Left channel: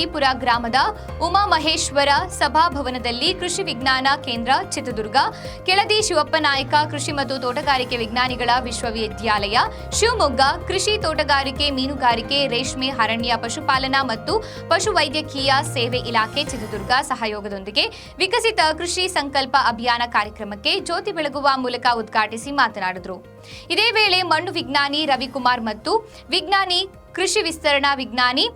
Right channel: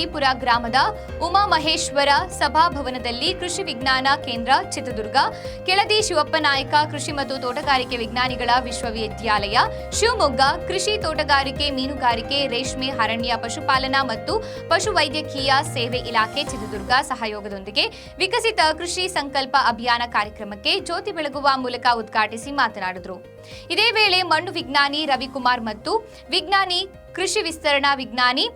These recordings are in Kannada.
ಗೌರಿಪುರ ಗ್ರಾಮದ ಉಮಾಮಹೇಶ್ವರ ಸಭಾಭವನದಲ್ಲಿ ಕೃಷಿ ವಿಜ್ಞಾನ ಕೇಂದ್ರ, ಚಿತ್ರದುರ್ಗ. ಕೆಳದಿ ಶಿವಪ್ಪ ನಾಯಕ ಕೃಷಿ ಮತ್ತು ತೋಟಗಾರಿಕೆ ವಿಜ್ಞಾನಿಗಳ ವಿಶ್ವವಿದ್ಯಾಲಯ. ಶಿವಮೊಗ್ಗ, ಕೃಷಿ ತೋಟಗಾರಿಕೆ, ಮೀನುಗಾರಿಕೆ, ರೇಷ್ಮೆ, ಅರಣ್ಯ, ಪಶುಪಾಲನಾ ಮತ್ತು ಪಶುವೈದ್ಯಕೀಯ ಸೇವೆ ಇಲಾಖೆ, ಚಿತ್ರದುರ್ಗ ಸಹಯೋಗದೊಂದಿಗೆ ವಿಕಸಿತ ಕೃಷಿ ಸಂಕಲ್ಪ ಅಭಿಯಾನ ಕಾರ್ಯಕ್ರಮಕ್ಕೆ ಜ್ಯೋತಿ ಬೆಳಗುವ ಮೂಲಕ ಉದ್ಘಾಟಿಸಿ ಮಾತನಾಡಿದರು. ಇದೇ ವೇಳೆ ಮಣ್ಣು ವಿಜ್ಞಾನಿ ರವಿಕುಮಾರ್ ಮತ್ತು ವಿಜ್ಞಾನಿ ಕೃಷಿ ವಿಸ್ತರಣಾ ವಿಜ್ಞಾನಿ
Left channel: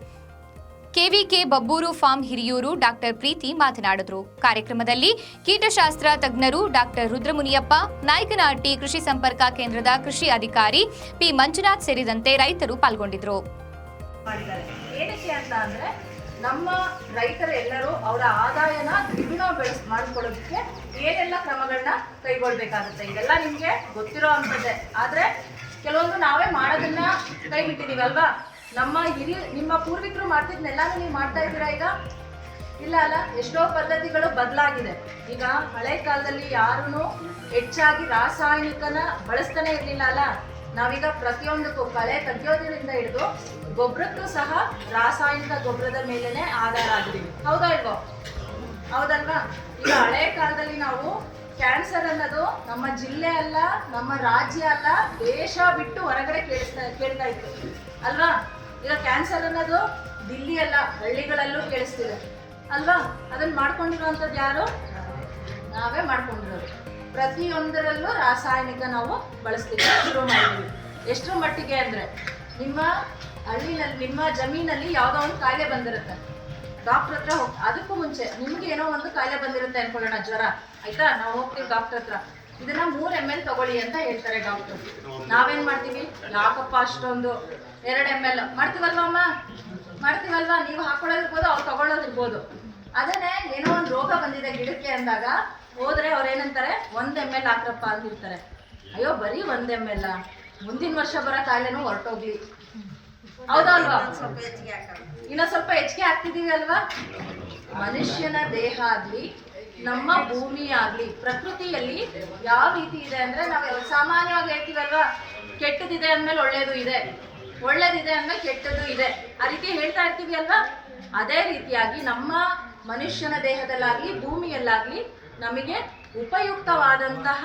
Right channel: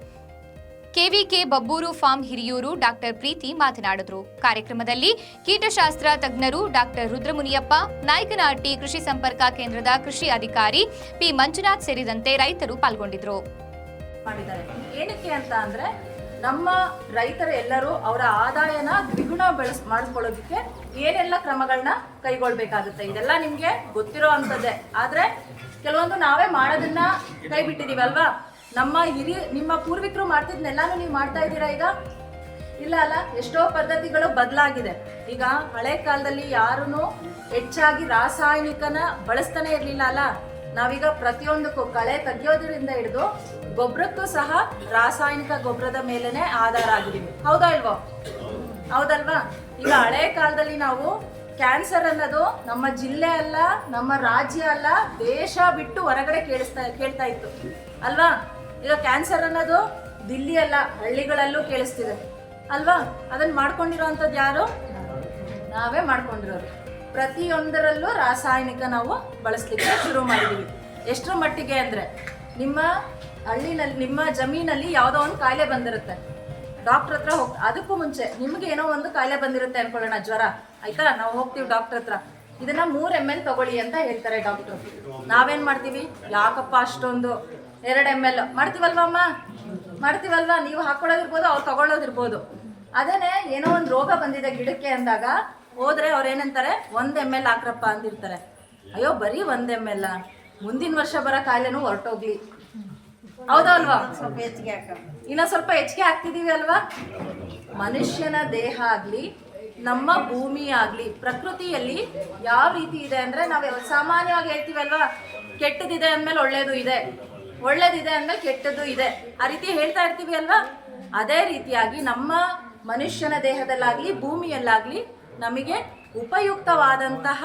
KVK Babbur farm Hiriyur doctor Preethi ಮಾತನಾಡಿದರು. ಕಾರ್ಯಕ್ರಮದಲ್ಲಿ ಕೀಟಶಾಸ್ತ್ರ ತಜ್ಞರು ಡಾಕ್ಟರ್ ರುದ್ರಮುನಿಯಪ್ಪ, ನಾಯಕನಹಟ್ಟಿ ಕೃಷಿ ಸಂಪರ್ಕ ಕೇಂದ್ರದ ಕೃಷಿ ಅಧಿಕಾರಿ ಪಿ ಮಂಜುನಾಥ್ ಸೇರಿದಂತೆ ರೈತರು ಪಾಲ್ಗೊಂಡಿದ್ರು. ಏನಕ್ಕೆ ನಮ್ಮ ರೈತರು ಎಲ್ಲರೂ ಅವರ ಆದಾಯನ ದ್ವಿಗುಣ ಬೆಳೆಸ್, ಮಾಡ್ಕೊಳ್ಳೋದಕ್ಕೆ ಏನೆಲ್ಲ ಕ್ರಮಗಳನ್ನ ಕೈಗೊಳ್ಬೇಕಾಗುತ್ತೆ. ಇದೆಲ್ಲ ನಿಮಗೆ ಗೊತ್ತಿರೋ ಅಂಥದ್ದೇ. ಆದರೆ ಕೆಲವೊಂದು ನಾವೇ ಮಾಡೋದನ್ನ ಕೈ ಬಿಟ್ಟಿದೀವಿ ಅಲ್ವಾ ನಮ್ಮ ಹಿರಿಯ, ನಿಮ್ಮ ಪೂರ್ವಿಕರು ಮಾಡ್ತಿದ್ನೆಲ್ಲಾನು ನೀವು ಮಾಡ್ತಾ ಇದ್ದೀರಾ ಈಗ? ಇಲ್ಲ ಅಲ್ಲ, ಎಷ್ಟೋ ಪದ್ಧತಿಗಳು ಬದಲಾಗಿದೆ. ಈಗ ಹಳೆ ಕಾಲದಲ್ಲಿ ಯಾರೂ ಹೆಚ್ಚಾಗಿ ರಾಸಾಯನಿಕನ ಬಳಸ್ತಾನೆ ಇರಲಿಲ್ಲ ಅಲ್ಲ? ನಾವೀಗ ಪ್ರತಿಯೊಂದಕ್ಕೂ ಕಳೆ ತೆಗೆಯೋದ್ರಿಂದ ಹಿಡಿದು ಗೊಬ್ಬರಕ್ಕೂ ಸಹ ರಾಸಾಯನಿಕ ಗೊಬ್ಬರದ ಮೇಲೆನೆ ಆಧಾರ ಆಗಿದ್ದೀವಿ. ಹೌದಾ ಇಲ್ವೋ? ಹೌದಲ್ವಾ? ಈಗ ಹಳೆ ಕಾಲದಲ್ಲಿ ನಾವು ಕ್ಯಾನ್ಸರ್ ಅನ್ನೋದು ನಮ್ಮ ಜಿಲ್ಲೆ ಅಲ್ಲ, ನಮ್ಮ ರಾಜ್ಯ ಅಲ್ಲ, ದೇಶ ಬಿಟ್ಟು ಹೊರಗಡೆ ಕೇಳಿಸ್ತಾ, ಕೇಳ್ತಾ ಇತ್ತು. ಅಲ್ವಾ? ಈಗ ಕ್ಯಾನ್ಸರ್ ಅನ್ನೋದು ದಿಲ್ಲಿ ಅಲ್ಲ, ಹಳ್ಳಿಗಳಲ್ಲೂ ಕೇಳಿಸ್ತಿದೆ. ಅಲ್ವಾ? ಅದನ್ನ ಮಾಡ್ಕೊಂಡಿರುವಂಥದ್ದು ಯಾರು? ನಾವೇ ಮಾಡ್ಕೊಂಡಿರೋದು. ಪ್ರತಿಯೊಂದರಲ್ಲೂ ರಾಸಾಯನಿಕ ನಾವು ಬಳಸ್ಲಿಕ್ಕೆ ಶುರು ಮಾಡಿದ್ದೀವಿ ಎಷ್ಟರ ಮಟ್ಟಿಗೆ ಅಂದರೆ, ನಿಮ್ಮ ಹಳ್ಳಿನಲ್ಲಿ, ನಿಮ್ಮ ಜಮೀನಲ್ಲಿ ಯಾವುದೋ ಒಂದು ಕಾಯಿಲೆ ಬಂದಿರುತ್ತೆ. ಡಾಕ್ಟರ್ ಹತ್ರ ಹೋಗ್ ಅದಕ್ಕೂ ಮುಂಚೆ ನಿಮಗೆ ಏನೋ ಒಂದು ಕಾಯಿಲೆ ಬಂದಿರುತ್ತೆ ಅನ್ಕೊಳ್ಳೋಣ, ಜ್ವರ. ಆಯ್ತಾ? ನಾವು ಹೋಗ್ತೀವಿ ಡಾಕ್ಟರ್ ಹತ್ರ. ಇದನ್ನ ಮೂರ್ ಎಂ ಎಲ್ ತಗೊಳ್ಳಿ ಅಂತ ಹೇಳ್ತಾರೆ ಡಾಕ್ಟರ್ ನಾವೇನ್ ಮಾಡ್ತೀವಿ? ಯಾಕಪ್ಪ ಅಷ್ಟೊಂದು ಎರಡು ಎಂ ಎಲ್ ಮಾಡ್ತೀವಲ್ವಾ ಅಮ್ಮ? ಮಾಡ್ತೀವಲ್ವಾ? ನೀವು ಹಾಕೊಳ್ಳೋದಿರ್ಬೋದು ಅವ್ರು ತಗೊಳ್ಳೋದಿರ್ಬೋದು. ಅದೇನೆ ಏನೋ ಒಂದು ರೋಗ ಬಂದಿದೆ ಗಿಡಕ್ಕೆ ಅಂದಾಗ ಹೋದ್ರೆ ಅವ್ರು ಏನಂತಾರೆ? ಒಂದ್ ಎಂ ಎಲ್ ಹಾಕ್ರಪ್ಪ ಅಂತಿರ್ತಾರೆ. ಅಯ್ಯೋ ಬರೀ ಒಂದ್ ಎಂ ಎಲ್ ಮುಂದಿನ ವರ್ಷ ಬರೋ ಕಾಯಿಲೆನೂ ಹೊರಟೋಗ್ಲಿ. ಹೌದಲ್ವಾ ಅಲ್ವಾ? ಇನ್ನ ಸ್ವಲ್ಪ ಹೆಚ್ಚಿಗೆ ಹಾಕ್ತಿದೀವಿ ಅಲ್ವಾ? ಮನುಷ್ಯನ ದೇಹ ಆಗ್ಲಿ ನಮ್ಮ ಭೂಮಿ ಆಗ್ಲಿ ಪ್ರಕೃತಿಯಲ್ಲಿ ಯಾವ ರೀತಿ ಇದೆ ಅಂದ್ರೆ ನಾವು ಸಾಮಾನ್ಯವಾಗಿ ಹೇಳ್ತೀವಲ್ವಾ? ಕೆಟ್ಟದಿದೆ ಅಂದ್ಮೇಲೆ ಒಳ್ಳೇದು ಇದೆ. ಒಳ್ಳೇದಿದೆ ಅಂದ್ಮೇಲೆ ಕೆಟ್ಟದ್ದು ಇದೆ. ಆ ರೀತಿ ಹೇಳ್ತಾ ಇರ್ತೀವಿ ಅಲ್ವಾ? ಅದೇ ರೀತಿಯಾಗಿ ನಮ್ಮ ಮನುಷ್ಯನ ದೇಹದಲ್ಲಾಗ್ಲಿ, ಭೂಮಿಯಲ್ಲಾಗ್ಲಿ ನಮಗೆ ಉಪಯುಕ್ತವಾದಂತಹ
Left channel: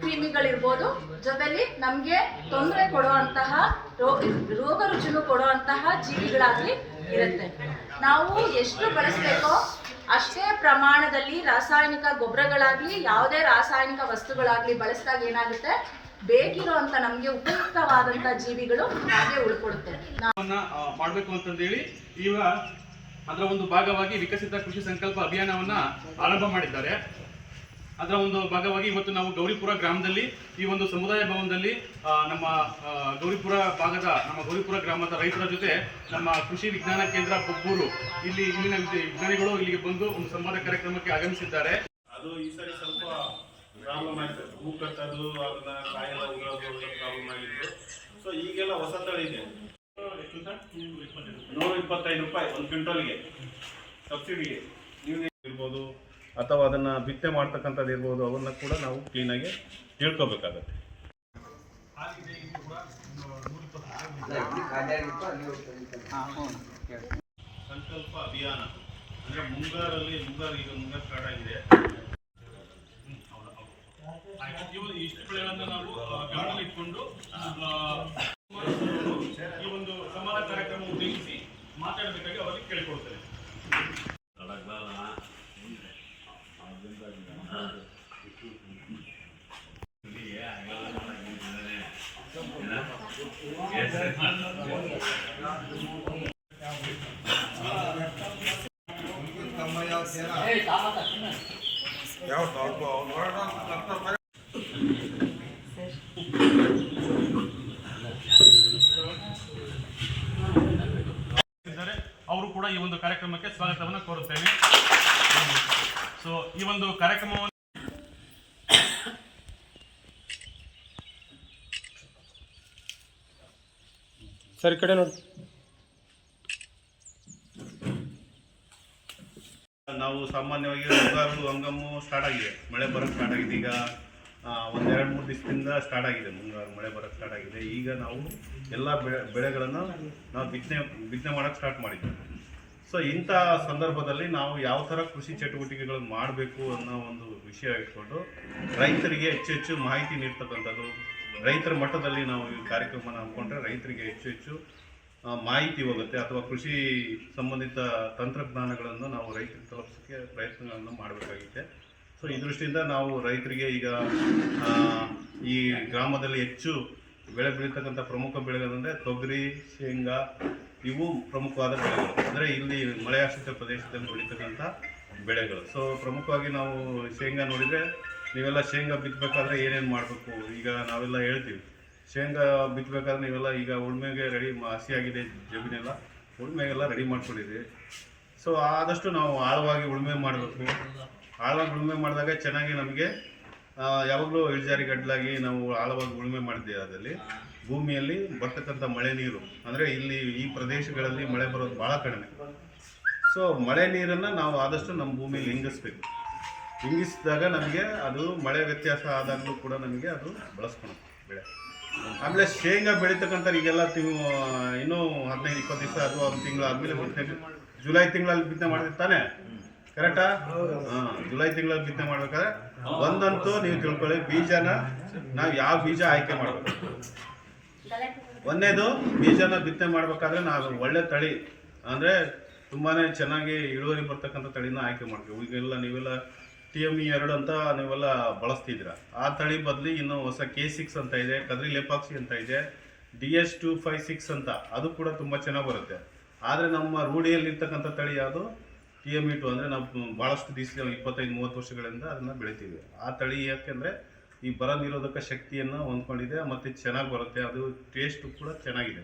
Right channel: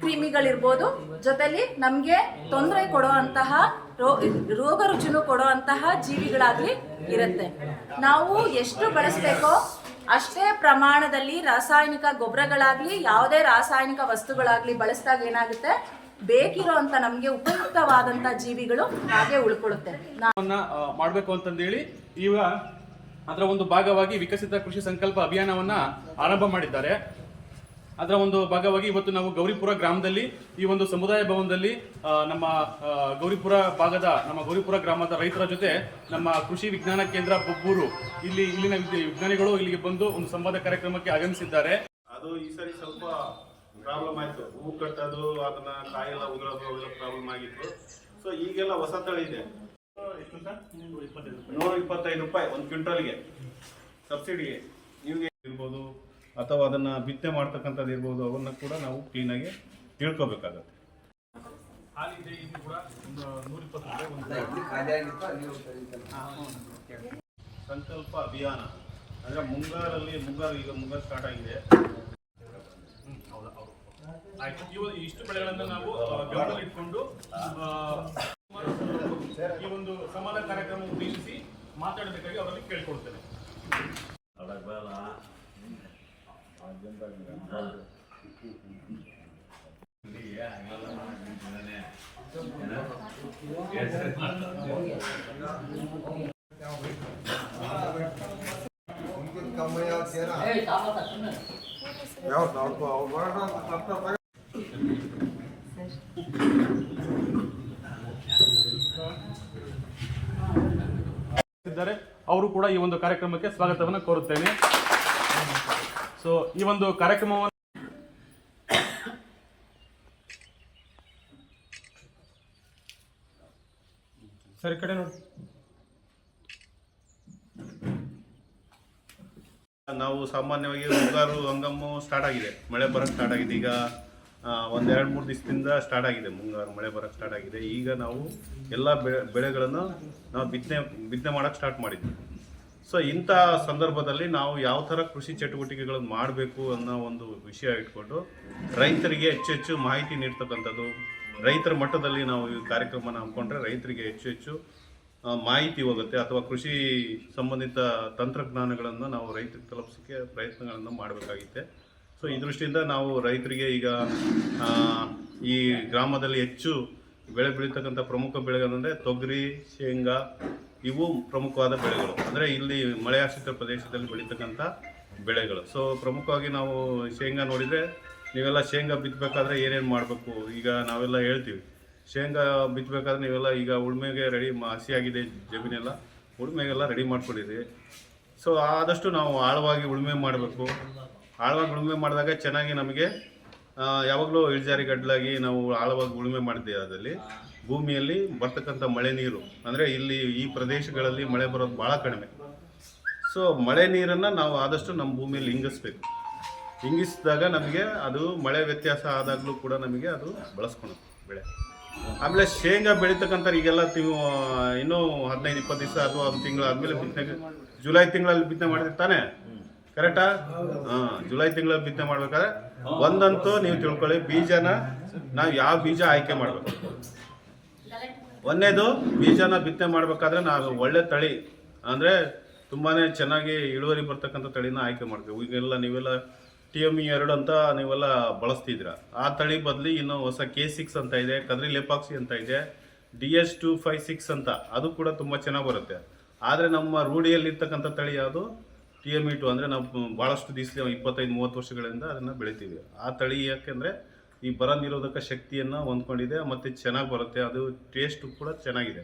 ಕ್ರಿಮಿಗಳಿರ್ಬೋದು. ಜೊತೆಲಿ ನಮಗೆ ತೊಂದರೆ ಕೊಡುವಂತಹ ರೋಗ ರುಚಿನೂ ಕೊಡುವಂತಹ ಜೀವಿಗಳಾಗ್ಲಿ ಇರುತ್ತೆ. ನಾವು ಎಷ್ಟು ಬಳಸಬೇಕೋ ಅಷ್ಟೇ ಪ್ರಮಾಣದಲ್ಲಿ ರಾಸಾಯನಿಕ ಗೊಬ್ಬರಗಳಾಗ್ಲಿ, ಯಾವುದೇ ರಾಸಾಯನಿಕ ವಸ್ತುಗಳಾಗ್ಲಿ ಬಳಸಿದಾಗ ಏನಾಗುತ್ತೆ? ಬೇಕಿರುವಂತ ನಮಗೆ ಉಪಯುಕ್ತವಾದಂತ ಜೀವಿಗಳು ಹಾಗೆ ಉಳ್ಕೊಳ್ಳುತ್ತೆ ಮಾಡಬೇಕು ಅಂತಂದೇಳಿ ಈಗ ಅದರ ಒಂದು ಭಾಗವಾಗಿ ವಿಕಸಿತ ಕೃಷಿ ಸಂಕಲ್ಪ ಅಭಿಯಾನವನ್ನ ಆರಂಭ ಮಾಡಿದ್ದಾರೆ. ಅದರ ಒಂದು ಭಾಗವಾಗಿ ಇವತ್ತು ನಾವು ಗೌರಿಪುರ ಗ್ರಾಮದಲ್ಲಿ ಈ ಒಂದು ಸಮುದಾಯ ಭವನದಲ್ಲಿ ನಮ್ಮ ಗೌರಿಪುರ ಭಾಗದ, ನಮ್ಮ ಗೌರಿಪುರ ಗ್ರಾಮದ ರೈತರ ಜೊತೆ ನಮ್ಮ ಕೃಷಿ ವಿಜ್ಞಾನ ಕೇಂದ್ರ ಬೊಬ್ಬೂರು ಇಲ್ಲಿ, ಇಲ್ಲಿನ ವಿಜ್ಞಾನಿಗಳು ಇಲ್ಲಿಗೆ ಬಂದು ಒಂದು ಸಂವಾದ ಕಾರ್ಯಕ್ರಮಕ್ಕೆ ಆಗಮಿಸಿದ್ದಾರೆ. ಅದು ಈ ಸರಿ ಸ್ವಲ್ಪ ಪ್ರಾಬ್ಲಮ್ ಆಯಿತು. ಹೂ ಕಟ್ಟೋದು, ಅದನ್ನ ಕಾಯೆಲ್ಲ ಉದುರೋದು ಪ್ರಾಬ್ಲಮ್ ಆಗಿತ್ತು. ಸೊ ಈಗೆಲ್ಲ ಹೊಸ ತಳಿ ಇದೆ. ನೂರ ಇಪ್ಪತ್ತೈದು ರೂಪಾಯಿ, ಒಂದು ಕ್ವಿಂಟಲ್ಗೆ. ಸಬ್ಸಿಡಿಗೆ. ನೀವು ಇರ್ಬೋದು ಅಥವಾ ಅದನ್ನ ಬಿತ್ತನೆ ಮಾಡ್ತಕ್ಕಂಥದ್ದು ಇರ್ಬೋದು, ಅವನ್ನ ಕೂಡ ನಾವು ಕ್ಲೀನಾಗಿ ತಿಳ್ಕೊಬೇಕಾಗತ್ತೆ. ಸಂಕಲ್ಪ ಅಭಿಯಾನ. ಅಂದ್ರೆ ಮುಂಗಾರಲ್ಲಿ ಮುಂಗಾರು ಈಗ ಮುಂಗಾರು ಸ್ಟಾರ್ಟ್ ಆಗಿದೆ. ಇಷ್ಟು ಬೆಳೆಗಳನ್ನ ನಾವು ಗಮನದಲ್ಲಿಟ್ಕೊಂಡು ಈ ಒಂದು ಸಂವಾದ ಕಾರ್ಯಕ್ರಮ ಉದ್ದೇಶಿಸಿ ಮಾತಾಡಬೇಕಾಗಿ ಅವರಿಗೆ ಕೇಳಿಕೊಡ್ತೇನೆ ಇದ್ದಾರೆ ಅವರು ಕೂಡ ಈ ಒಂದು ಕಾರ್ಯಕ್ರಮಕ್ಕೆ ಸ್ವಾಗತವನ್ನು ಕೋರುತ್ತೇನೆ. ಸೊ ಈ ಒಂದು ಕಾರ್ಯಕ್ರಮವನ್ನು ಸರಿ, ಕಡೆ ನೋಡಿ. ನಾವು ಸಾಮಾನ್ಯವಾಗಿ ಮುಂಗಾರು ಹಂಗಮ್ಮು ಸ್ಟಾರ್ಟ್ ಆಗಿದೆ. ಮಳೆ ಬರಕ್ಕೆ ಸ್ಟಾರ್ಟ್ ಆಗಿದೆ. ಈಗ ಒಂದೆರಡು ಮೂರು ದಿವಸದಿಂದ ಸ್ಟಾರ್ಟ್ ಆಗಿದೆ. ಮುಂಗಾರು ಮಳೆ ಬರಕ್ಕೆ ಸ್ಟಾರ್ಟ್ ಆಗಿದೆ. ಈಗ ನಾವು ಎಲ್ಲ ಬೆಳೆ ಬೆಳೆಗಳನ್ನು ನಾವು ಬಿತ್ತನೆ ಬಿತ್ತನೆ ಮಾಡೋಕ್ಕೆ ಸ್ಟಾರ್ಟ್ ಮಾಡಿದ್ವಿ. ಸೊ ಇಂಥ ಸಂದರ್ಭದಲ್ಲಿ ನಾವು ಯಾವ ಥರ ಕೃಷಿ ಚಟುವಟಿಕೆಗಳು ಮಾಡಬೇಕು ಅನ್ನೋ ಒಂದು ವಿಷಯ ಇಟ್ಕೊಂಡು ರೈತರಿಗೆ ಹೆಚ್ಚು ಹೆಚ್ಚು ಮಾಹಿತಿ ನೀಡ್ತಕ್ಕಂಥದ್ದು, ರೈತರ ಮಟ್ಟದಲ್ಲಿ ನಾವು ಈ ಕಾರ್ಯಕ್ರಮನ ಹಮ್ಮಿಕೊಂಡ್ರೆ ರೈತರಿಗೆ ಹೆಚ್ಚು ಹೆಚ್ಚು ಮಾಹಿತಿ ಹೋಗುತ್ತೆ ಅಥವಾ ಕೃಷಿ ಸಂಬಂಧಿತ ತಂತ್ರಜ್ಞಾನಗಳನ್ನು ನಾವು ರೈತರಿಗೆ ತಲುಪಿಸೋಕ್ಕೆ ಪ್ರಯತ್ನಗಳನ್ನು ಮಾಡಬೇಕಾಗಿದೆ ಸೊ ಈ ದೃಷ್ಟಿಯಿಂದ ನಾವು ರೈತರಿಗೆ ಈಗ ಈ ಗ್ರಾಮದಲ್ಲಿ ಹೆಚ್ಚು ಬೆಳೆ ಬೆಳೀತಕ್ಕಂಥ ಪ್ರಮುಖ ಬೆಳೆಗಳಂದರೆ ತೊಗರಿ, ಶೇಂಗಾ, ಇವು ಪ್ರಮುಖವಾದ ಬೆಳೆಗಳು. ಅಂದರೆ ಇಲ್ಲಿ ಮಳೆಯಾಶ್ರಿತ ಪ್ರದೇಶದಲ್ಲಿ ಬೆಳೀತಕ್ಕಂಥ ಬೆಳೆಗಳು. ಸೊ ಪ್ರಮುಖವಾಗಿ ನಾವು ಶೇಂಗಾ ನೋಡಿದರೆ ನೀವೆಲ್ಲ ಶೇಂಗಾ ಬಿತ್ತಬೇಕಾದ್ರೆ ಏನೇನು ಮಾಡಬೇಕು? ಈಗ ನಾವೆಲ್ಲ ಹೇಳ್ತೀವಿ. ಶೇಂಗಾ ಬಿತ್ತಬೇಕಾದ್ರೆ ನೀವೆಲ್ಲ ಈಗ ಉಳುಮೆಗೆ ರೆಡಿ ಹಸಿಯಾಗಿದೆ ಜಮೀನೆಲ್ಲ, ಉಳುಮೆಗೆಲ್ಲ ರೆಡಿ ಮಾಡ್ಕೊಂಡಿದ್ದೀವಿ ಸೊ ಆದಷ್ಟು ನಾವು ಆಳವಾಗಿ ಉಳುಮೆ ಮಾಡಬೇಕು. ಆಳವಾಗಿ ಉಳುಮೆ ಮಾಡಿದಾಗ ಚೆನ್ನಾಗಿ ನಮಗೆ ಯಾವಾಗಲೂ ಇಳಿಜಾರಿ ಗಡ್ಲಾಗಿ ನಾವು ಆಳವಾಗಿ ಉಳುಮೆ ಮಾಡಿದ್ದೀವಿ ಅದರಲ್ಲಿ. ಭೂಮಿಯಲ್ಲಿ ಬರ್ತಕ್ಕಂಥ ಮಳೆ ನೀರು. ಅಂದರೆ ಇಲ್ಲಿ ಈ ಪ್ರದೇಶಗಳಲ್ಲಿ ಮಳೆ ಬರೋದು ಭಾಳ ಕಡಿಮೆ. ಸೊ ಮಳೆ ನೀರನ್ನು ನಾವು ಆದಷ್ಟು ನಮ್ಮ ಭೂಮಿಯಲ್ಲಿ ಹಿಂಗಿಸ್ಬೇಕು ಹಿಂಗಿಸಿದಾಗ ನಮಗೆ ಅದು ಮಳೆ ವ್ಯತ್ಯಾಸ ಆದಾಗಲೂ ಕೂಡ ನಮಗೆ ಅದು ಬಳಸ್ಕೊಳುತ್ತೆ ಬೆಳೆ. ಆಮೇಲೆ ಶೇಂಗಾ ಬೆಳೀತಕ್ಕಂಥ ಈಗೆಲ್ಲ ತಿಂಗಳು ಇನ್ನೂ ಹದಿನೈದು ಇಪ್ಪತ್ತು ದಿವಸ ಅಥವಾ ಒಂದು ತಿಂಗಳು ಆದಮೇಲೆ ಬಿತ್ತನೆ ಜುಲೈ ತಿಂಗಳಲ್ಲಿ ಬಿತ್ತನೆ ಮಾಡಿದ್ರೆ ತಾನೇ ಕರೆಕ್ಟಾ? ಹಾಂ ಜುಲೈ ತಿಂಗಳ ಬಿತ್ತನೆ ಮಾಡ್ಬೇಕಾದ್ರೆ ಒಂದಂತೂ ನೀವು ತಿಳ್ಕೊಳ್ಳಿ ಬೀಜನ ನಾವು ಯಾವ ಬೀಜ ಆಯ್ಕೆ ಮಾಡಬೇಕು? ಒಂದೇದು ಬೀಜನ ಬಿತ್ತನೆ ಮಾಡಬೇಕಾದ್ರೆ ನಾವು ಒಳ್ಳೆ ತಳಿ ಅಂದರೆ ತುಂಬಾ ಚೆನ್ನಾಗಿ ಇಳುವರಿ ಬರ್ತಕ್ಕಂಥ ತಳಿನ ಆಯ್ಕೆ ಮಾಡಬೇಕು. ಈಗೆಲ್ಲ ನೀವೆಲ್ಲ ಟಿ ಎಂ ಇ ಎರಡು ಅಂತ ನೀವೆಲ್ಲ ಬಳಸ್ತಿದ್ರ ಆ ತಳಿ ಬದಲಿ ಇನ್ನು ಹೊಸ ಕೆ ಸಿಕ್ಸ್ ಅಂತ ಇದೆ ಕದ್ರಿ ಲೆಪಾಕ್ಸಿ ಅಂತ ಇದೆ D S two five six ಅಂತ ಅದು ಕೂಡ ತುಂಬ ಚೆನ್ನಾಗಿ ಬರುತ್ತೆ. ಆದರೆ ನಮ್ಮ ರೂಢಿಯಲ್ಲಿರ್ತಕ್ಕಂಥ ತಳಿ ಯಾವುದು? ಟಿ ಎಂ ಇ ಟು ಅಂದರೆ ನಾವು ಭಾಳಷ್ಟು ದಿವಸ ಇಪ್ಪತ್ತೈದು, ಮೂವತ್ತು ವರ್ಷಗಳಿಂದ ಅದನ್ನು ಬೆಳಿತೀವಿ. ಆ ತಳಿ ಯಾಕೆಂದರೆ ಈ ಬರ ನಿರೋಧಕ ಶಕ್ತಿಯನ್ನು ಹೊಂದ್ಕೊಂಡಿದೆ, ಮತ್ತು ಚೆನ್ನಾಗಿ ಬರುತ್ತೆ, ಅದು ಟೇಸ್ಟು ಕೂಡ ಚೆನ್ನಾಗಿದೆ.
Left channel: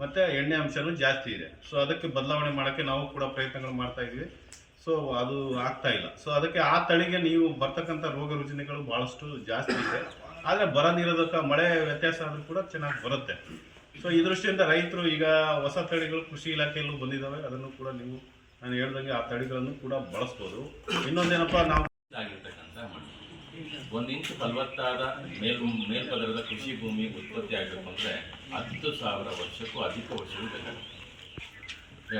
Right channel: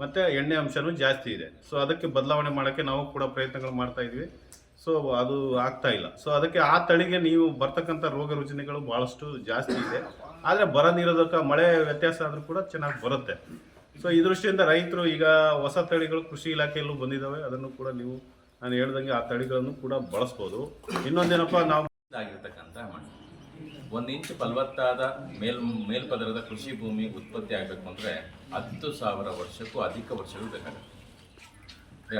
ಮತ್ತು ಎಣ್ಣೆ ಅಂಶನೂ ಜಾಸ್ತಿ ಇದೆ. ಸೊ ಅದಕ್ಕೆ ಬದಲಾವಣೆ ಮಾಡೋಕ್ಕೆ ನಾವು ಕೂಡ ಪ್ರಯತ್ನಗಳು ಮಾಡ್ತಾ ಇದ್ವಿ. ಸೊ ಅದು ಆಗ್ತಾ ಇಲ್ಲ. ಸೊ ಅದಕ್ಕೆ ಆ ತಳಿಗೆ ನೀವು ಬರ್ತಕ್ಕಂಥ ರೋಗ ರುಜಿನಗಳು ಭಾಳಷ್ಟು ಜಾಸ್ತಿ ಇದೆ. ಆದರೆ ಬರ ನಿರೋಧಕ, ಮಳೆ ವ್ಯತ್ಯಾಸ ಆದರೂ ಕೂಡ ಚೆನ್ನಾಗಿ ಬರುತ್ತೆ. ಸೊ ಈ ದೃಷ್ಟಿಯಿಂದ ರೈತರು ಈಗ ಹೊಸ ತಳಿಗಳು ಕೃಷಿ ಇಲಾಖೆಯಲ್ಲೂ ಬಂದಿದ್ದಾವೆ ಅದನ್ನು ಕೂಡ ನೀವು ನಾನು ಹೇಳ್ದಂಗೆ ಆ ತಳಿಗಳನ್ನು ಕೂಡ ಬಳಸ್ಬೋದು. ಇನ್ನೊಂದೇನಪ್ಪ, ನಾವು ಆಗಿರ್ತಕ್ಕಂಥ ಮಣ್ಣು. ಒಂದು ಇಂಚು ಫಲವತ್ತಾದ ಮೇಲ್, ಮೇಲ್ಪದರದ ಕೃಷಿ ಭೂಮಿ ಉತ್ಪತ್ತಿ ಆಗಬೇಕು ಅಂದರೆ ಹತ್ತು ಸಾವಿರ ವರ್ಷಕ್ಕೂ ಅಧಿಕ ವರ್ಷಗಳು ಬೇಕಾಗುತ್ತೆ.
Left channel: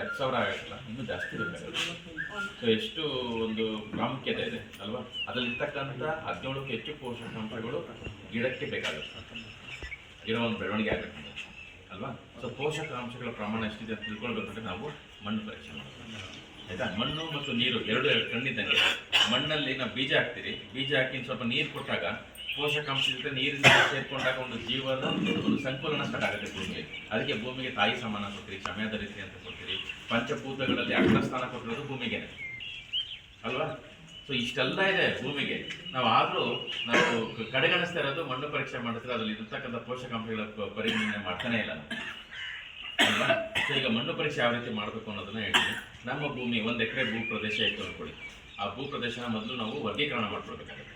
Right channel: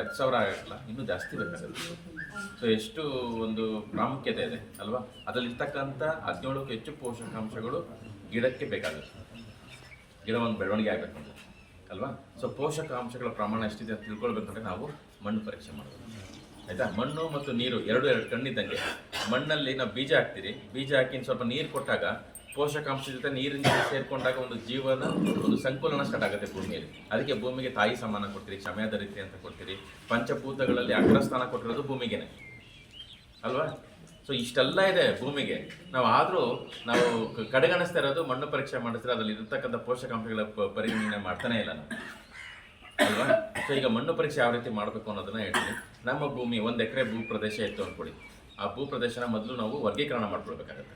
ಹತ್ತು ಸಾವಿರ ಆಗಲ್ಲ, ಇನ್ನೂ ಜಾಸ್ತಿ ಬೇಕಾಗುತ್ತೆ. ಸೊ ಎಷ್ಟು ಒಂದು ಪ್ರಾಮುಖ್ಯತೆ ಇದೆ ಅಲ್ವಾ? ಅದರಲ್ಲಿರ್ತಕ್ಕಂಥ ಹದಿನೇಳಕ್ಕೂ ಹೆಚ್ಚು ಪೋಷಕಾಂಶಗಳು ಗಿಡಕ್ಕೆ ಬೇಕಾಗುತ್ತೆ. ಗಿಡ ಒಂದು ಬೆಳವಣಿಗೆ ಆಗಬೇಕು ಅಲ್ವಾ? ಸೊ ಪೋಷಕಾಂಶಗಳ ಪ್ರಮಾಣ ಎಷ್ಟಿದೆ ಅಂತ ತಿಳ್ಕೊಳ್ಬೇಕಂದ್ರೆ ನಾವು ಮಣ್ಣು ಪರೀಕ್ಷೆ ಮಾಡಬೇಕು. ಆಯ್ತಾ? ಮಣ್ಣು ಮತ್ತು ನೀರು ಎರಡು ಎರಡು ಕಣ್ಣಿದ್ದಂಗೆ. ಮಣ್ಣಲ್ಲಿ ನಾವು ಬೀಜ ಹಾಕ್ತೀರಿ. ಬೀಜ ಹಾಕಿ ಸ್ವಲ್ಪ ನೀರು ಕೊಟ್ಟಾಗ ಪೋಷಕಾಂಶ ಜೊತೆ ನೀರಿನ ಸೇರ್ಕೊಂಡಾಗ ಒಂದು ಜೀವನ, ಒಂದು ಸಂಕುಲನ ಸ್ಟಾರ್ಟ್ ಆಗುತ್ತೆ ಭೂಮಿಯಲ್ಲಿ. ಅದಕ್ಕೆ ಭೂಮಿಗೆ ತಾಯಿ ಸಮಾನ ಕೊಡ್ತೀರಿ ಕ್ಷಮೆಯಾದ ರೀತಿ ಅಂತ ಕೊಡ್ತೀರಿ. ಪಂಚಭೂತಗಳಲ್ಲಿ ಅಗ್ರಸ್ಥಾನ ಕೊಟ್ಟಿರೋದು ಭೂಮಿಗೆನೆ. ಅಲ್ವಾ? ಸೊ ಇಷ್ಟೆಲ್ಲ ಇದೆ ಭೂಮಿಗೆ. ನಾವು ಆದರೂ ನಾವು ಕಡೆಗಣಿಸ್ತಾ ಇರೋದು, ಮಣ್ಣು ಪರೀಕ್ಷೆ ಮಾಡಿದ್ರೆ ಅದರಲ್ಲಿ ಇರತಕ್ಕಂಥ ಪೋಷಕಾಂಶಗಳ ಪರಿಗಣನೆ ಮಾಡ್ತಾನೆ ಇಲ್ಲ ನಾವು. ಅಲ್ವಾ? ಸೊ ಈಗ ಮಣ್ಣು ಪರೀಕ್ಷೆ ಯಾವ ರೀತಿ ಮಾಡಬೇಕು ಅನ್ನೋದನ್ನ ಹೇಳ್ತೀನಿ. ನಮ್ಮ ಭೂಮಿ, ಒಂದು ಎಕರೆ ಭೂ ಪ್ರದೇಶ ಇತ್ತು ಅಂದ್ಕೊಳ್ಳಿ ಆ ಭೂ ಪ್ರದೇಶನ ಮೊದಲು ನಾವು ವರ್ಗೀಕರಣ ಮಾಡ್ಕೊಳ್ಬೇಕಾಗುತ್ತೆ.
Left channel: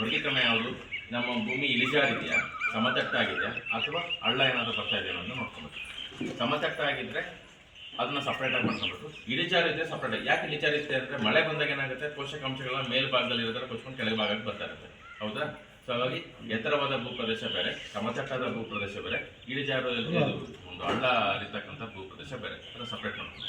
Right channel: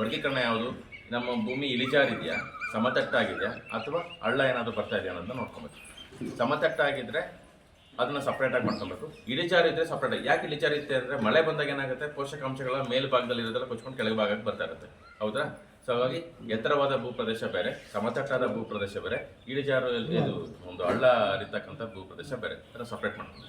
ವರ್ಗೀಕರಣ ಯಾವುದು? ನಮ್ಮ ಭೂಮಿ ಇಳಿಜಾರಿದೆಯಾ? ಸಮತಟ್ಟಾಗಿದೆಯಾ? ಅಥವಾ ಹಳ್ಳ ಏನಾದರೂ ಬರ್ತಾ ಇದೆಯಾ ಅನ್ನೋದನ್ನ ನೋಡ್ಕೊಬೇಕು. ಸಮತಟ್ಟಾಗಿದ್ದರೆ ಅದನ್ನ ಸಪ್ರೇಟಾಗಿ ಮಾಡ್ಕೊಬೇಕು. ಇಳಿಜಾರಿದ್ರೆ ಸಪ್ರೇಟಾಗಿ ಯಾಕೆ ಇಳಿಜಾರಿರುತ್ತೆ ಅಂದರೆ ಮಳೆ ಬಂದಾಗ ಏನಾಗುತ್ತೆ? ಪೋಷಕಾಂಶಗಳ ಮೇಲ್ಭಾಗದಲ್ಲಿ ಇರೋದ್ರ ಕೊಚ್ಕೊಂಡು ಕೆಳಗೆ ಭಾಗಕ್ಕೆ ಬರ್ತಾ ಇರುತ್ತೆ. ಹೌದಾ? ಸೊ ಹಾಗಾಗಿ ಎತ್ತರವಾದ ಭೂಪ್ರದೇಶ ಬೇರೆ ಸಮತಟ್ಟಾದ ಭೂಪ್ರದೇಶ ಬೇರೆ ಇಳಿಜಾರದಲ್ಲಿ ಇದು ಒಂದು ಹಳ್ಳ ಹರಿತಕ್ಕಂಥ ಭೂಪ್ರದೇಶ ಬೇರೆ. ಅದನ್ನು ಸಪ್ರೇಟ್ ಮಾಡ್ಕೊಂಡು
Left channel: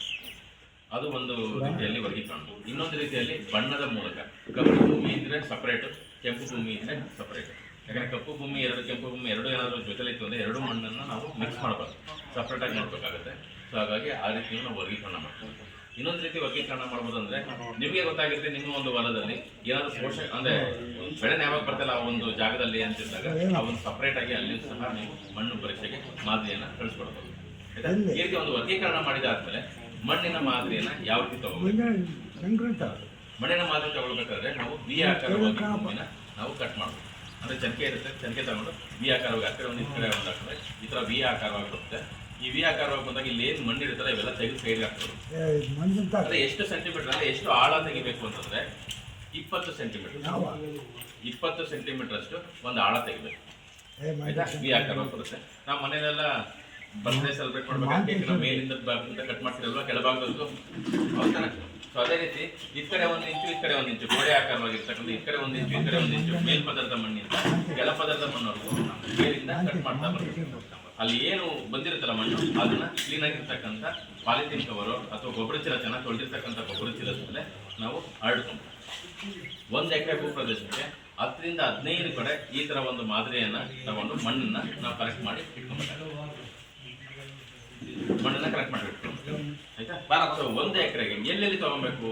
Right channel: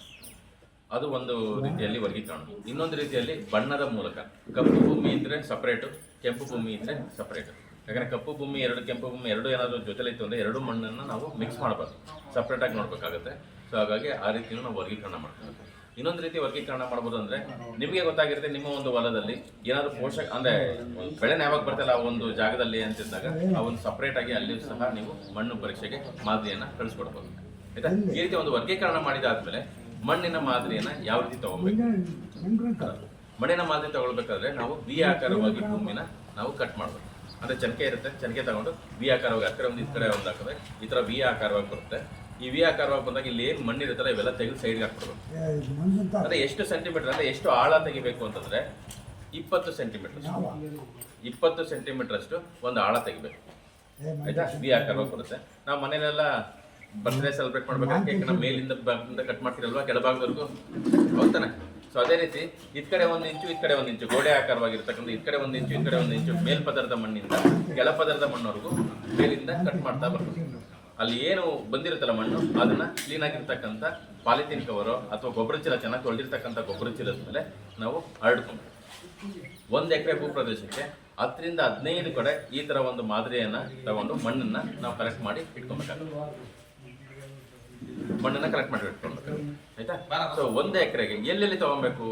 ಅದು ಒಂದು ರೀತಿಯಲ್ಲಿ ವರ್ಗೀಕರಣ ಇನ್ನೊಂದು ರೀತಿಯಲ್ಲಿ ಬಣ್ಣದ ಮೂಲಕ. ಕಪ್ಪು ಭೂಮಿ ಇದ್ರೆ ಸಪ್ರೇಟು ಕೆಂಪು ಭೂಮಿ ಇದ್ರೆ ಸಪ್ರೇಟು ಯಾಕಂದರೆ ಕಪ್ಪು ಭೂಮಿ ಎರಡು ಕೆಂಪು ಭೂಮಿ ಎರಡು ಏನಾದರೂ ಜೊತೆಲಿತ್ತು ಅಂದರೆ ಎರಡು ಮಣ್ಣನ್ನು ನಾವು ಮಿಕ್ಸ್ ಮಾಡಬಾರ್ದು ಸಪ್ರೇಟಾಗಿ ನೋಡಬೇಕಾಗುತ್ತೆ. ಸೊ ಹಾಗಾಗಿ ಆ ರೀತಿಯೂ ನಾವು ವರ್ಗೀಕರಣ ಮಾಡ್ತೀವಿ ಇನ್ನೊಂದು ರೀತಿ ವರ್ಗೀಕರಣ ಮಾಡ್ಬೋದು ಅಂದ್ರೆ ನಿಮಗೆ ಗೊತ್ತಾಗಿರುತ್ತೆ ನಿಮ್ಮ ಒಂದು ಹೊಲದಲ್ಲಿ ಏನಾದ್ರು ಪೋಷಕ ಅಂದ್ರೆ ಬೆಳೆನ ಬೆಳೆ ಯಾವಾಗ ಬರ್ತಲ್ಲ ಆ ಒಂದು ಜಾಗದಲ್ಲಿ ಅಂತಿದ್ದಾಗ ಆ ಒಂದು ಸಪ್ರೇಟ್ ಆಗಿ ಅಲ್ಲಿ ಸಹ ನೀವು ಮಣ್ಣು ಪರೀಕ್ಷೆಗೆ ಮಾದರಿಯನ್ನ ಕಳಿಸ್ಕೊಡ್ಬೋದು. ಆಯ್ತಾ? ಈ ರೀತಿ ಒಂದು ವರ್ಗೀಕರಣ ಮಾಡಿದಾದ್ಮೇಲೆ ಮಣ್ಣಿನ ಮಾದರಿಯನ್ನ ಯಾವ ರೀತಿ ತಗೋಬೇಕು ಮಣ್ಣಿನ ಮಾದರಿ ತಗೊಳ್ಬೇಕಾದ್ರೆ ನಾವು ಬಿ ಆಕಾರವಾಗಿ ಭೂಮಿನ ನಾವು ಕಟ್ ಮಾಡ್ಬೋದು. ಅಂದ್ರೆ ಚನಕೆ ಇರುತ್ತೆ ಚನಕೆ ತಗೊಂಡು ಬಿ ಆಕಾರವಾಗಿ ಆ ಕಡೆ ಒಂದು ಈ ಕಡೆ ಒಂದು ಹಾಕಿದ್ರೆ ಈ ತರ ಬಿ ಆಕಾರವಾಗಿ ಬರುತ್ತೆ. ಈ ವಿ ಆಕಾರವಾಗಿ ಬಂದಾಗ ಇಲ್ಲಿ ಏನು ಮಣ್ಣು ಇರುತ್ತಲ್ಲ ಇವೆಲ್ಲ ತೆಗೆದು ಸೈಡ್ಗೆ ಹಾಕ್ಬಿಡೋದು ಅಂದ್ರೆ ಎಷ್ಟು ಸೆಂಟಿಮೀಟರ್ ಅಂದ್ರೆ ಎಷ್ಟು ಆಳ ತೆಗಿಬೇಕು ಅಂತಂದ್ರೆ ಇಪ್ಪತ್ತು ಸೆಂಟಿಮೀಟರ್ ಇಪ್ಪತ್ತು ಸೆಂಟಿಮೀಟರ್ ಅಷ್ಟು ಒಂದು ಆಳ ತೆಗಿಬೇಕು. ಆಯ್ತಾ? ವಿ ಆಕಾರವಾಗಿ ಬರುತ್ತೆ. ನಾವು ಮನೇಲೆಲ್ಲ ಬರ್ತ್ಡೇ ಸೆಲೆಬ್ರೇಟ್ ಮಾಡ್ಬೇಕಂತ ಕೇಕ್ ನಮ್ಮ ಮೇಲಿಂದ ಕಟ್ ಮಾಡ್ತೀರಲ್ವಾ ಕೆಳಭಾಗದವರೆಗೂ? ಹೌದಾನೆ ಸೊ ಅದೇ ರೀತಿ ಇದ್ ಕಡೆ ಒಂದು ಇಂಚು ಈ ಕಡೆ ಒಂದು ಇಂಚು ಗೋಡೆ ಆಕಾರವಾಗಿರ್ತಕ್ಕಂಥ ಈ ಕಡೆ ಒಂದು ಇಂಚು ಈ ಕಡೆ ಒಂದು ಇಂಚು ಮೇಲ್ಪದರದ ಮಣ್ಣಿಂದ ಕೆಳಪದರದ ಮಣ್ಣವರೆಗೂ ಮೇಲಿಂದ ಕಟ್ ಮಾಡ್ತಾ ಬರ್ಬೇಕು. ಅಲ್ಲಿ ಏನು ಬಂದಿರುತ್ತಲ್ಲ ಮಣ್ಣು, ಅದನ್ನ ಕ್ಲೀನ್ ಆಗಿರ್ತಕ್ಕಂಥ ಪಾಲಿಥೀನ್ ಕವರು ಅಥವಾ ಗೊಬ್ಬರ ಚೀಲ ಚೆನ್ನಾಗಿ ತೊಳೆದಿರ್ತಕ್ಕಂಥ ಗೊಬ್ಬರ ಚೀಲದ ಮೇಲೆ ನಾವು ಹರಡ್ಕೊಂಡು ಒಂದು ಎಕರೆ ಭೂಪ್ರದೇಶಕ್ಕೆ ಹತ್ತರಿಂದ ಹದಿನೈದು ಕಡೆ ಈ ಥರ ಒಂದು ಮಾದರಿಯನ್ನು ತಗೊಂಡು ಮಣ್ಣನ್ನು ನಾವು ಕಲೆಕ್ಟ್ ಮಾಡಿ ಇಟ್ಕೊಬೇಕಾಗುತ್ತೆ. ಮಣ್ಣನ್ನು ಕಲೆಕ್ಟ್ ಮಾಡಿ ಇಟ್ಕೊಬೇಕಾಗುತ್ತೆ. ಆಯ್ತಾ? ಒಂದು ಎಕರೆಗೆ ಎಲ್ಲೆಲ್ಲಿ ತಗೊಬೇಕು?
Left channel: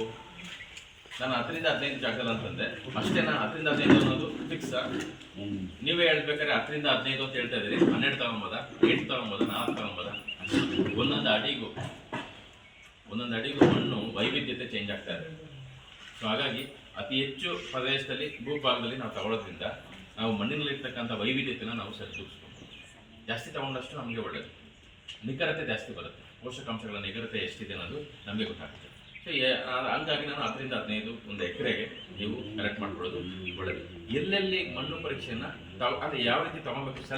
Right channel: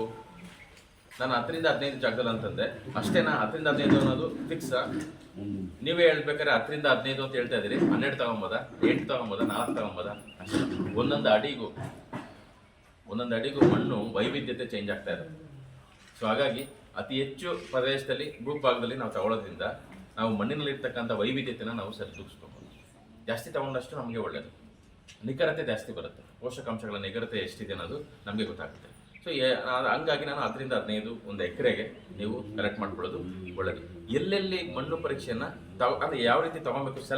ನಾನು ಹತ್ತರಿಂದ ಹದಿನೈದು ಜಾಗದಲ್ಲಿ ಅಂತಂದೆ. ಅಷ್ಟೇನಾ ಹತ್ತರಿಂದ ಹದಿನೈದು ಅನ್ನೋದು ಫಿಕ್ಸ್ ನೀವೇ ಹೇಳ್ಬೇಕಾದ್ರೆ ಹತ್ತರಿಂದ ಹದಿನೈದು ಅಂತ ಹೇಳ್ತಾ ಇದ್ದೀರಿ ಹನ್ನೆರಡು ತಗೊಂಬೋದ? ಎಂಟು ತಗೊಂಬೋದ? ನಾಲ್ಕು ತಗೊಂಬೋದ? ಒಂದೊಂದು ಅಡಿಗೂ ಒಂದೊಂದು ಅಡಿಗೂ ಮಣ್ಣು ವೈವಿಧ್ಯತೆ ಚೇಂಜ್ ಆಗ್ತಾ ಇದೆ. ಸೊ ಹಾಗಾಗಿ ಅತಿ ಹೆಚ್ಚು ಪ್ರದೇಶದಲ್ಲಿ ಭೂಭಾಗದಲ್ಲಿ ನಾವು ತಗೊಳ್ಳೋದ್ರಿಂದ ನಾವು ಮಣ್ಣಿನಲ್ಲಿರ್ತಕ್ಕಂಥ ವೈವಿಧ್ಯತೆನ ನಾವು ಸರಿದೂಗಿಸ್ಕೊಬೋದು. ಜಾಸ್ತಿ ತಗೊಂಡಷ್ಟು ನಮಗೆ ಒಳ್ಳೆಯದು ನಿಖರತೆ ಜಾಸ್ತಿ ಬರುತ್ತೆ. ಪೋಷಕಾಂಶಗಳ ನಿಖರತೆ ಎಷ್ಟಿದೆ ಅನ್ನೋದು ನಮಗೆ ಗೊತ್ತಾಗುತ್ತೆ. ಸೊ ಹಂಗಾಗಿ ನಾನು ಹತ್ತರಿಂದ ಹದಿನೈದು ಒಂದು ಎಕರೆಗೆ ನೀವು ಕರೆಕ್ಟ್ ಮಾಡ್ಕೊಳ್ಳೋದು ಒಳ್ಳೆಯದು ಎಲ್ಲೆಲ್ಲಿ ಮಣ್ಣು ಪರೀಕ್ಷೆಯನ್ನು ತಗೊ ಅಂದರೆ ಯಾವ ರೀತಿ ತಗೊಬೇಕು ಸೆಲೆಕ್ಟ್